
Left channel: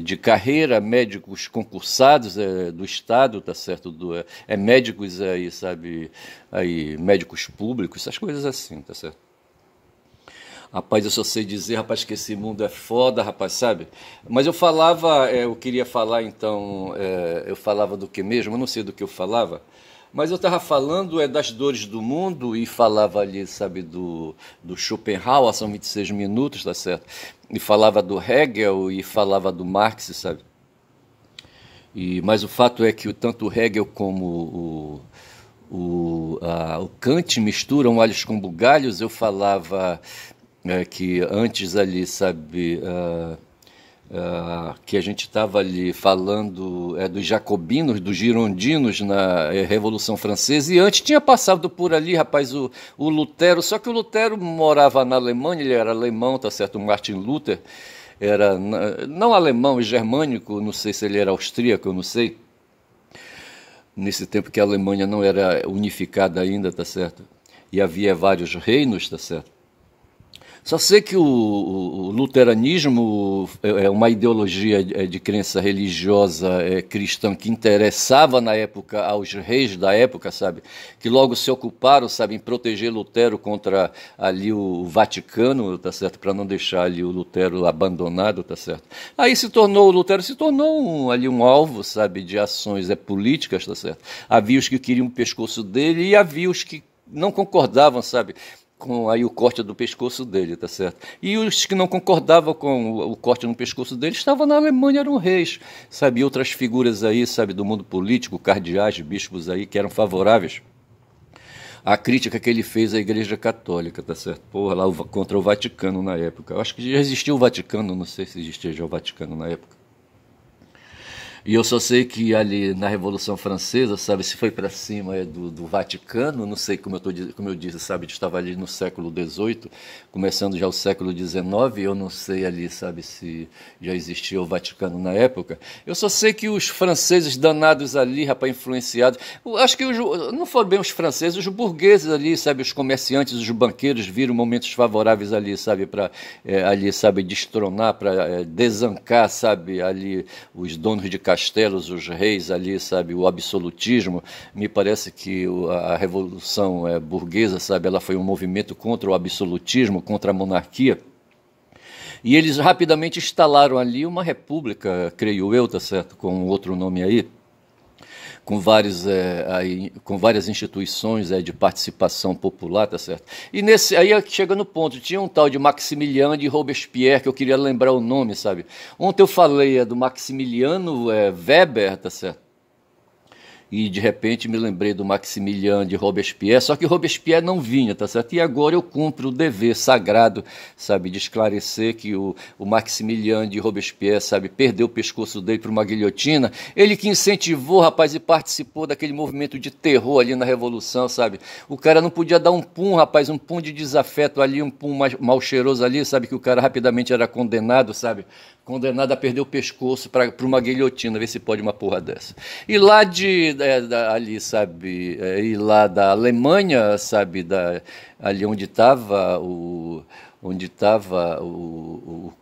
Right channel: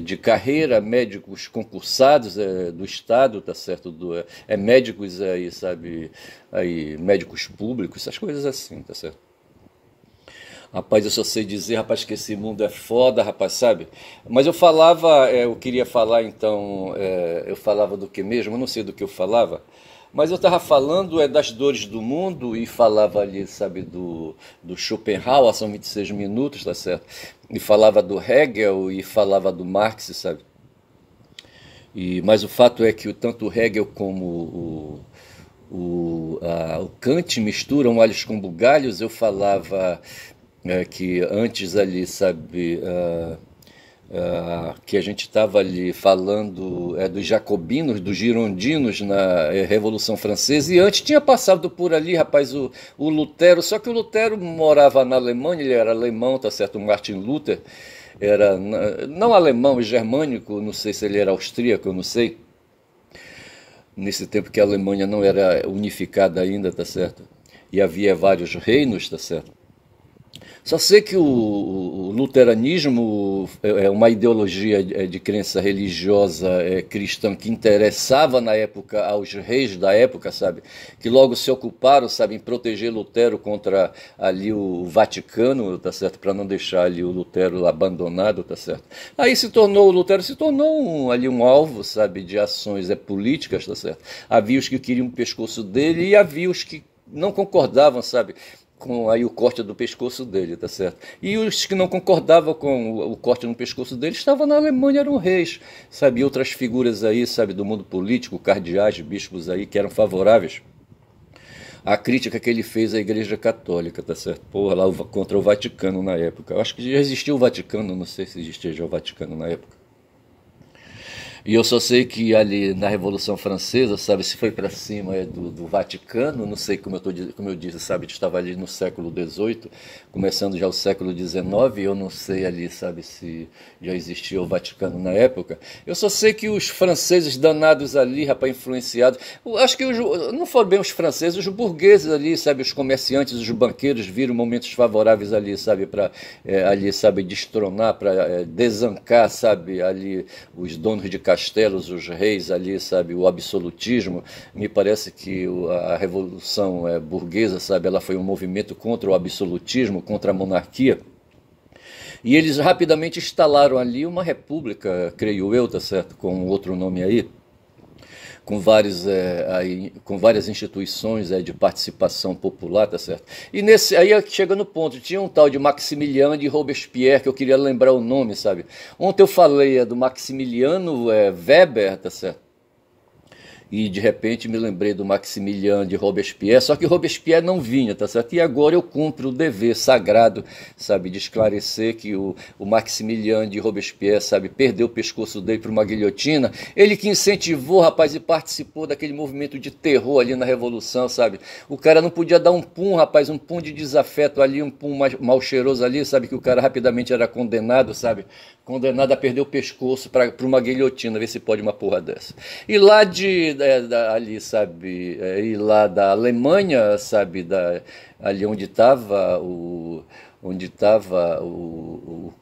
de carreira, médicos concursados do Estado, tá certo? Médicos aí, sabe, aí, médicos públicos, essas coisas assim, tá certo? Rapaz, eu só sei dizer, rapaz, que esse mundo é foda, rapaz, sabe? Mas eu queria falar então, eu falava do que mesmo? Eu não sei do que eu falava, mas eu estava falando das dores do mundo e falava ali, sabe, do Schopenhauer, são 26 minutos, tá certo? E falava do Hegel e falava do Marx, sabe? Mas o fato é que tanto o Hegel como o Kant misturam alhos com bugalhos. Eu falava que antes ali, sabe, que a gente estava ali falando dos jacobinos, dos girondinos na Revolução Francesa, e antes tinha passado por ali, rapaz, o Lutero, só que o Lutero morava na Alemanha, ele era alemão, tá certo, o Martin Luther era não alemão, germânico, não sei se ele era austríaco, eu não sei, nesse tempo que a Alemanha não era unificada ainda, tá certo, e havia vários reinos, tá certo. Só sei que o luteranismo é uma ideologia de crença religiosa cristã que interessava na época aos reis da época, sabe? Que logo se ocuparam, sabe, em proteger Lutero contra ali o Vaticano, tá certo? Para não deixar ali o Lutero abandonado, tá certo? Aí o Lutero se tornou ali um alvo, sabe, de ações políticas, tá certo? Havia os que queriam o pescoço dele e havia os que não concordavam, sabe, com aí o corte do pescoço dele, tá certo? E os que não concordavam com o corte no pescoço dele estavam na Alemanha, eram reis, sabe? E outras figuras aí, sabe, do mundo político, cardeais, bispos aí, que eram favoráveis à crítica que ele fez à Igreja Católica, tá certo? Porra, lá contra o Vaticano na época. Eu acho que já existiu o Vaticano, não sei se existia já o Vaticano na época. E eu só sei que ali na Revolução Francesa, sabe, se foi para cima do Vaticano, não sei como eu disse, sabe, estava ali no século XVIII, começando já o século XIX, eu não sei ali, sabe, se já existia o Vaticano na época. Eu só sei que os franceses danados ali, rapaz, influenciados, acho que não foram bem os franceses, os burgueses ali, sabe, os comerciantes, os banqueiros viram momentos favoráveis ali, sabe, para ali, sabe, destronar, para desancar, sabe, ali os donos de castelos, os reis ali, sabe, o absolutismo. Me parece que a Revolução burguesa, sabe, ela foi um movimento contra o absolutismo, contra a monarquia. E eles rapidamente instalaram ali uma república, creio eu, tá certo, com outro nome aí, com, com várias instituições de participação popular, tá certo? E aí chega no ponto, tinha um tal de Maximiliano de Robespierre, que eu queria lembrar o nome, sabe? Ontem eu falei do Maximiliano Weber, tá certo? E de repente me lembrei do Maximiliano de Robespierre, só que Robespierre não vinha, tá certo? E agora eu cumpro o dever sagrado, sabe, de esclarecer que o Maximiliano de Robespierre, sabe, perdeu o pescoço dele para uma guilhotina, ele que incentivou, rapaz, e participou daquele movimento de terror ali na Revolução, sabe? O cara não podia dar um pum, rapaz, um pum de desafeto ali, um pum mal cheiroso ali, sabe, que o cara rapidamente era condenado, sabe? Condenado a perder o pescoço para uma guilhotina, ver se pode uma porra dessa. E lá ali, sabe, e lá da Alemanha, sabe, ali onde estava o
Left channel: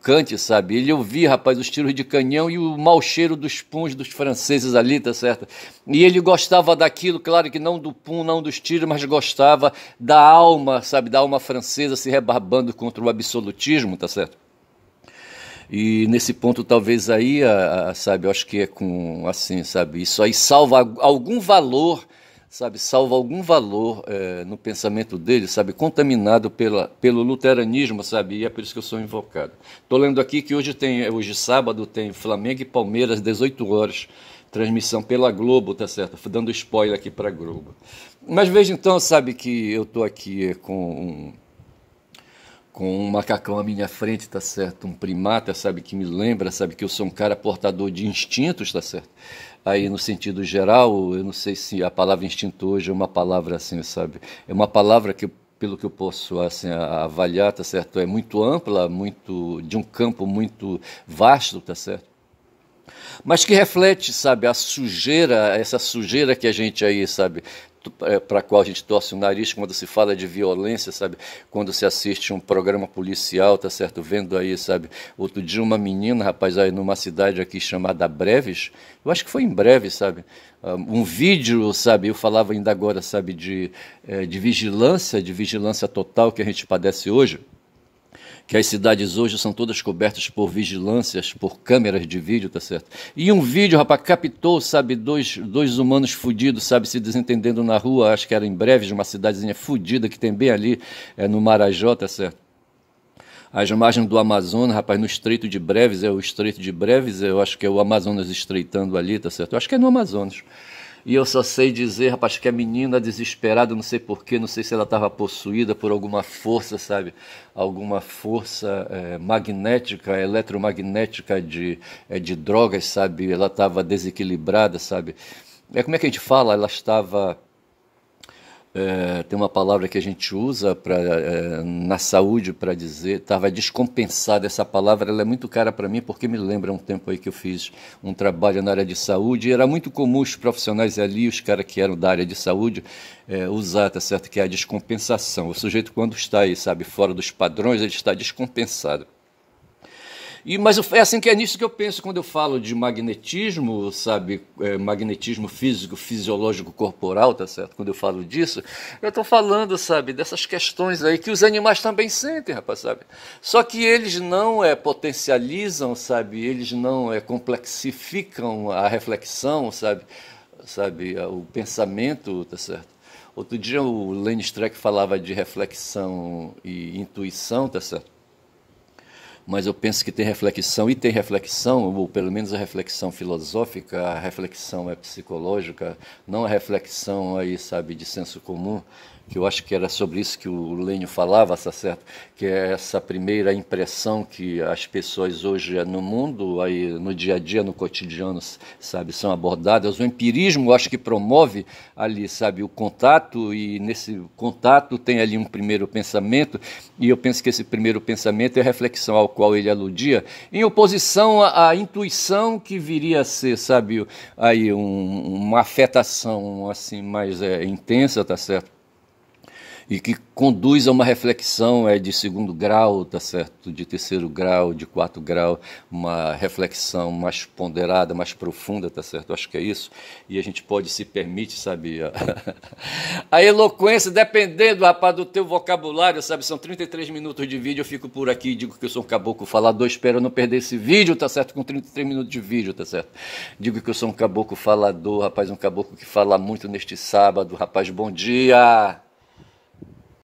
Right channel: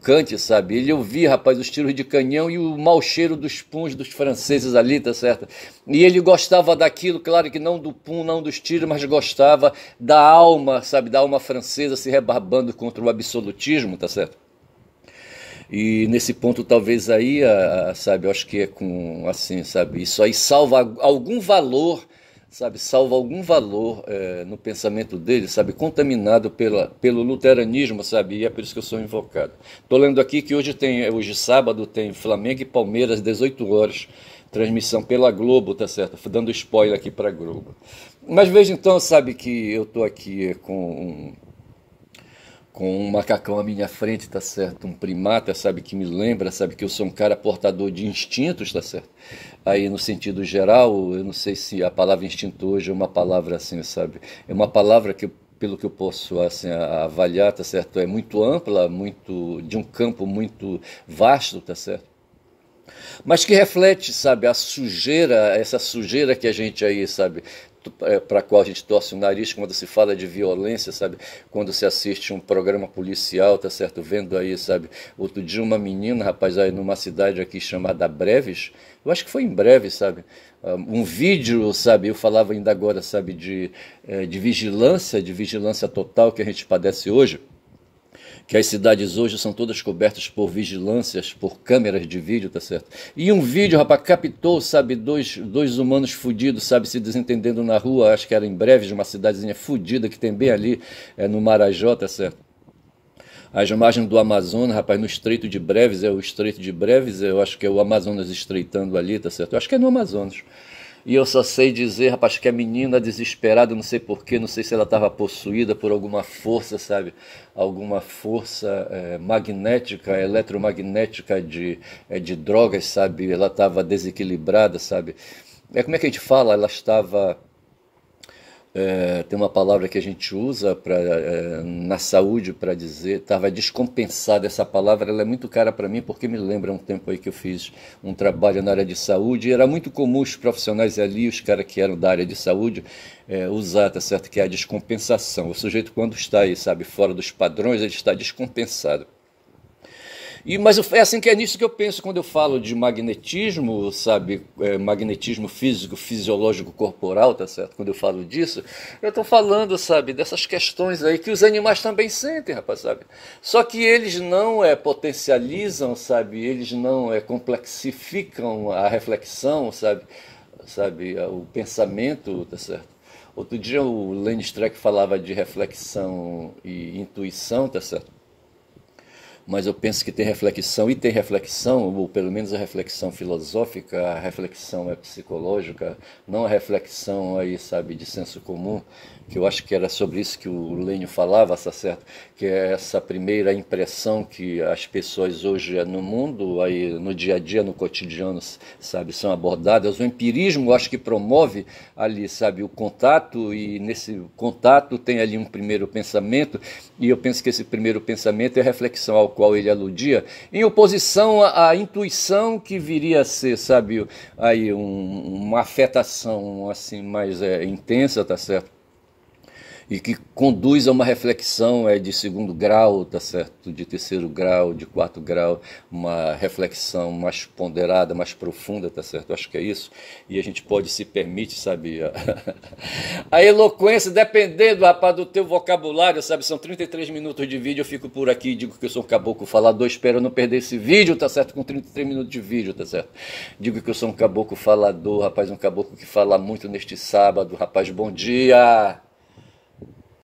Kant, sabe, ele ouvia, rapaz, os tiros de canhão e o mau cheiro dos puns dos franceses ali, tá certo? E ele gostava daquilo, claro que não do pum, não dos tiros, mas gostava da alma, sabe, da alma francesa se rebarbando contra o absolutismo, tá certo? E nesse ponto talvez aí, sabe, eu acho que é com, assim, sabe, isso aí salva algum valor, sabe, salva algum valor no pensamento dele, sabe, contaminado pelo luteranismo, sabe, e é por isso que eu sou invocado. Estou lendo aqui que hoje sábado tem Flamengo e Palmeiras, 18 horas, transmissão pela Globo, tá certo, dando spoiler aqui para a Globo. Mas veja então, sabe, que eu estou aqui com um macacão à minha frente, tá certo? Um primata, sabe, que me lembra, sabe, que eu sou um cara portador de instintos, tá certo? Aí, no sentido geral, eu não sei se a palavra instinto hoje é uma palavra assim, sabe? É uma palavra que, pelo que eu posso assim, avaliar, tá certo? É muito ampla, de um campo muito vasto, tá certo? Mas que reflete, sabe, essa sujeira que a gente aí, sabe, para a qual a gente torce o nariz quando se fala de violência, sabe, quando se assiste um programa policial, tá certo, vendo aí, sabe, outro dia uma menina, rapaz, aí numa cidade aqui chamada Breves, eu acho que foi em Breves, sabe, um vídeo, sabe, eu falava ainda agora, sabe, de vigilância total que a gente padece hoje, que as cidades hoje são todas cobertas por vigilâncias, por câmeras de vídeo, tá certo? E um vídeo, rapaz, captou, sabe, dois humanos fudidos, sabe, se desentendendo na rua, acho que era em Breves, uma cidadezinha fudida que tem bem ali, no Marajó, tá certo? As margens do Amazonas, rapaz, no Estreito de Breves, o Estreito de Breves, eu acho que é o Amazonas estreitando ali, tá certo? Eu acho que é no Amazonas. E eu só sei dizer, rapaz, que a menina desesperada, não sei porquê, não sei se ela estava possuída por alguma força, sabe? Alguma força magnética, eletromagnética de drogas, sabe? Ela estava desequilibrada, sabe? Como é que a gente fala? Ela estava... tem uma palavra que a gente usa na saúde para dizer, estava descompensada. Essa palavra ela é muito cara para mim porque me lembra um tempo aí que eu fiz um trabalho na área de saúde e era muito comum os profissionais ali, os caras que eram da área de saúde, usar, tá certo? Que é a descompensação. O sujeito quando está aí, sabe, fora dos padrões, ele está descompensado. Mas é assim que é nisso que eu penso quando eu falo de magnetismo, sabe, magnetismo físico, fisiológico, corporal, tá certo? Quando eu falo disso, eu estou falando, sabe, dessas questões aí que os animais também sentem, rapaz, sabe? Só que eles não potencializam, sabe, eles não complexificam a reflexão, sabe, o pensamento, tá certo? Outro dia o Lenny Streck falava de reflexão e intuição, tá certo? Mas eu penso que tem reflexão, ou pelo menos a reflexão filosófica, a reflexão psicológica, não a reflexão aí, sabe, de senso comum, que eu acho que era sobre isso que o Lênio falava, tá certo? Que é essa primeira impressão que as pessoas hoje no mundo, aí no dia a dia, no cotidiano, sabe, são abordadas. O empirismo, eu acho que promove ali, sabe, o contato, e nesse contato tem ali um primeiro pensamento, e eu penso que esse primeiro pensamento é a reflexão ao qual ele aludia, em oposição à intuição que viria a ser, sabe, aí uma afetação assim mais intensa, tá certo? e que conduz a uma reflexão de segundo grau, tá certo? De terceiro grau, de quarto grau, uma reflexão mais ponderada, mais profunda, tá certo? Eu acho que é isso. E a gente pode se permite, sabe, a eloquência, dependendo, rapaz, do teu vocabulário, sabe? São 33 minutos de vídeo, eu fico por aqui e digo que eu sou um caboclo falador, espero não perder esse vídeo, tá certo? Com 33 minutos de vídeo, tá certo? Digo que eu sou um caboclo falador, rapaz, um caboclo que fala muito neste sábado, rapaz, bom dia!